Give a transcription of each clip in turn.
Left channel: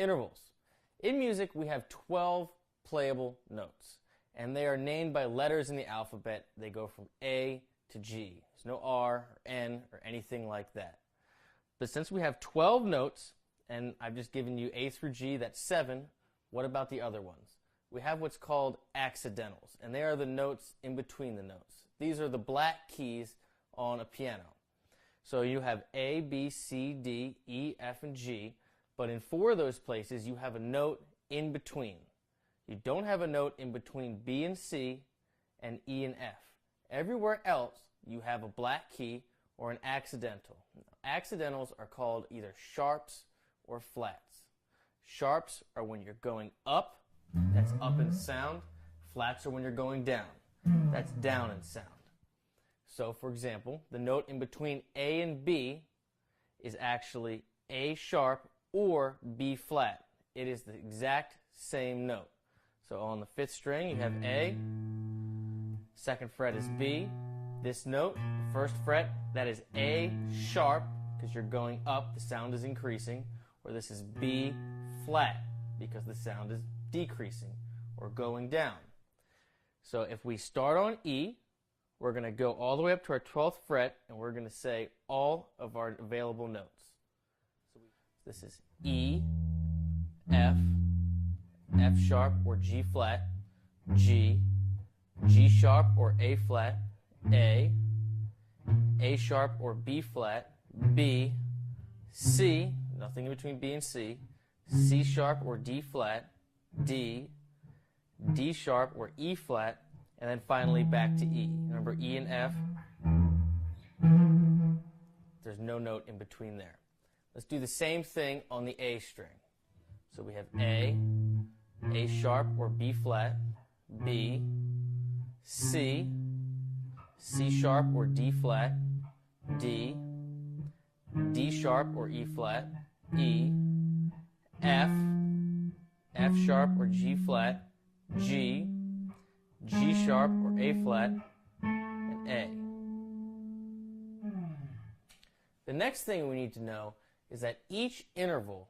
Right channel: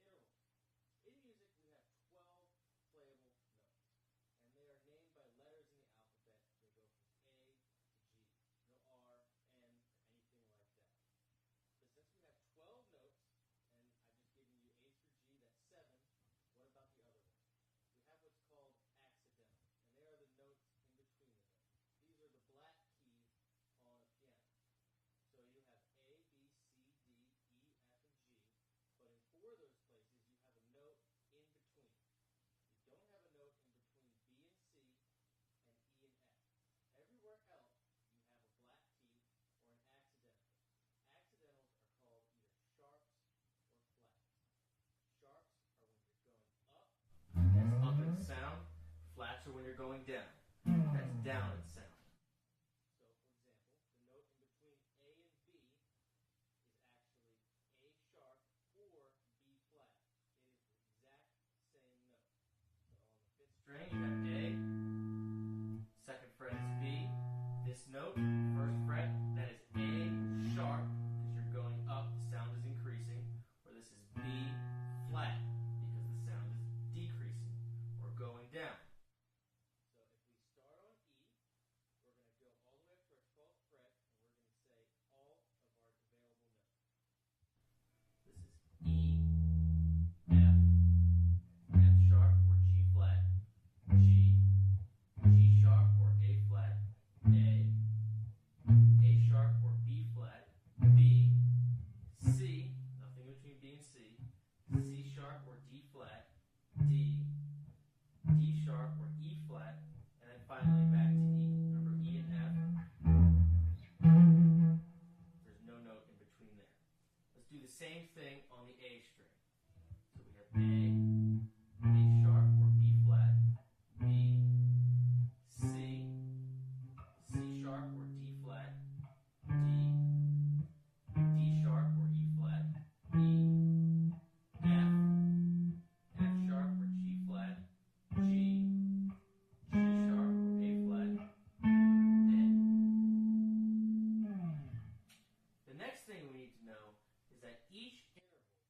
Intervals. In music, we have 12 playable notes, and they are named by letters in the alphabet. They go from A to G. There's no R or N or anything like that. But since we have 12 notes, and I've just given you A through G, that's 7, what about the other ones? We have what's called accidentals, and they are the notes in between the notes. These are the black keys on a piano. So you have A, B, C, D, E, F, and G, but in 4 of those places you have a note in between. You don't have a note in between B and C and E and F. Everywhere else you have a black key or an accidental. Accidentals are called either sharps or flats. Sharps are when you're going up, that's up in sound. Flats are when you're going down, that's down in sound. So, for example, the note in between A and B is actually A sharp or B flat. It is the exact same note. So on the 5th string, you have A, 2nd fret is B. This note, 1st fret, that is A sharp, because you're going up, the sound is increasing, or this is B flat, because the sound is decreasing, or going down. So if we start on E, we're going to go all the way up to our 12th fret, and we're going to say all of our available notes. So this is E, F, F sharp or G flat, G, G sharp or A flat, A sharp or B flat, B, C, nothing in between B and C, C sharp or D flat, D, D sharp or E flat, and then finally back to E. Remember E and F, there's no note in between there. Let's do the same thing on the A string. So we have A sharp or B flat, B, C, C sharp or D flat, D, D sharp or E flat, E, F, F sharp or G flat, G, G sharp or A flat, and A. The next thing we need to know is that each interval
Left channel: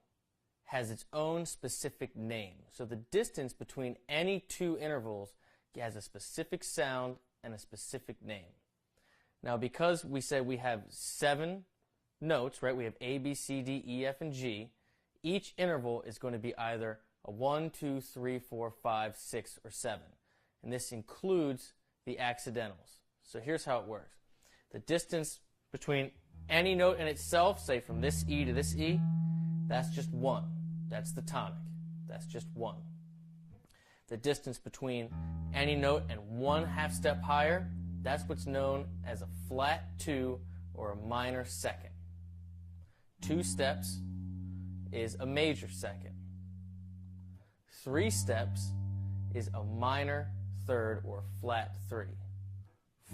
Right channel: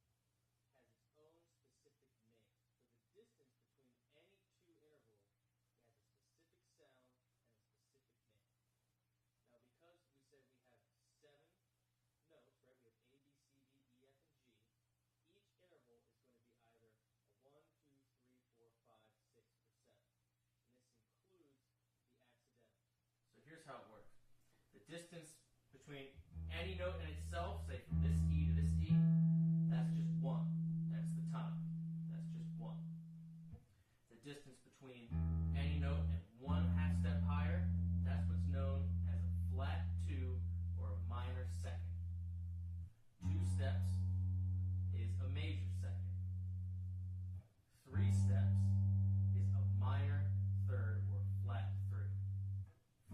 has its own specific name. So the distance between any 2 intervals has a specific sound and a specific name. Now, because we said we have 7 notes, right? We have A, B, C, D, E, F, and G. Each interval is going to be either a 1, 2, 3, 4, 5, 6, or 7. And this includes the accidentals. So here's how it works. The distance between any note in itself, say from this E to this E, that's just 1. That's the tonic. That's just 1. The distance between any note and 1 half step higher, that's what's known as a flat 2 or a minor second. 2 steps is a major second. 3 steps is a minor third or flat 3.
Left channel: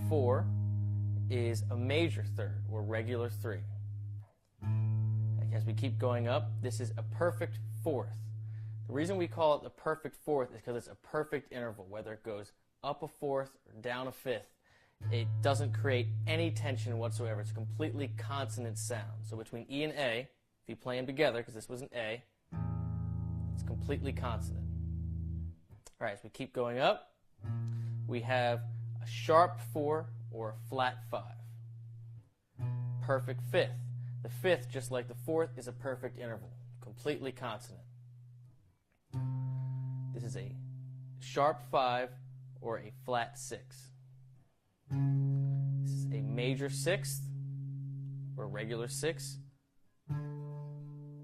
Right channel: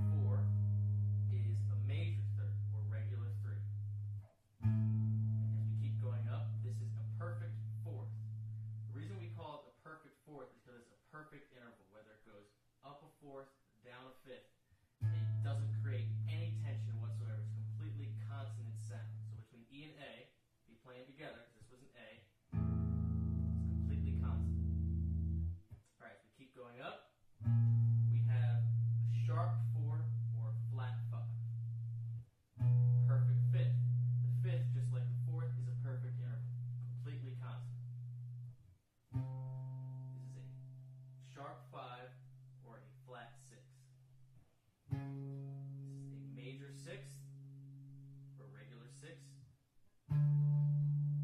4 is a major third or regular 3. As we keep going up, this is a perfect 4th. The reason we call it the perfect 4th is because it's a perfect interval. Whether it goes up a 4th or down a 5th, it doesn't create any tension whatsoever. It's a completely consonant sound. So between E and A, if you play them together, because this was an A, it's completely consonant. All right, as we keep going up, we have a sharp 4 or a flat 5. Perfect 5th. The 5th, just like the 4th, is a perfect interval, completely consonant. This is a sharp 5 or a flat 6. This is a major 6th or regular 6.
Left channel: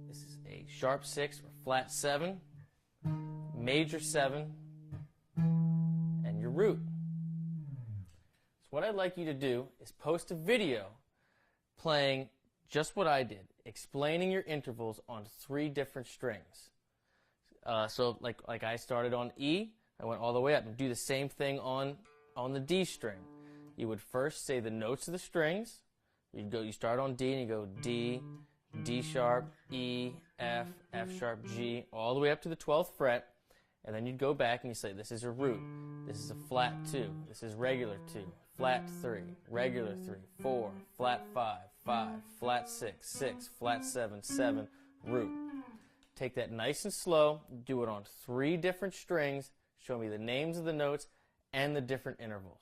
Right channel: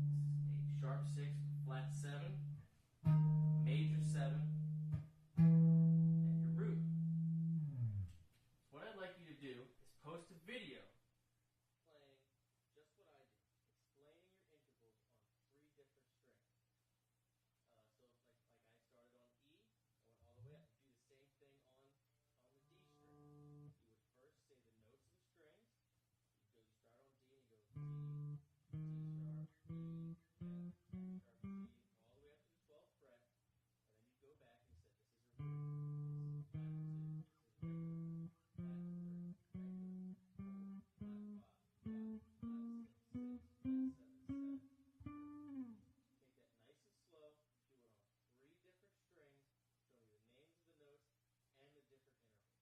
This is a sharp 6 or flat 7, major 7, and your root. So what I'd like you to do is post a video playing just what I did, explaining your intervals on 3 different strings. So like I started on E, I went all the way up, and do the same thing on the D string. You would first say the notes of the strings. You start on D and you go D, D sharp, E, F, F sharp, G, all the way up to the 12th fret, and then you'd go back and you say this is a root, this is a flat 2, this is regular 2, flat 3, regular 3, 4, flat 5, 5, flat 6, 6, flat 7, 7, root. Take that nice and slow, do it on 3 different strings, show me the names of the notes and the different intervals.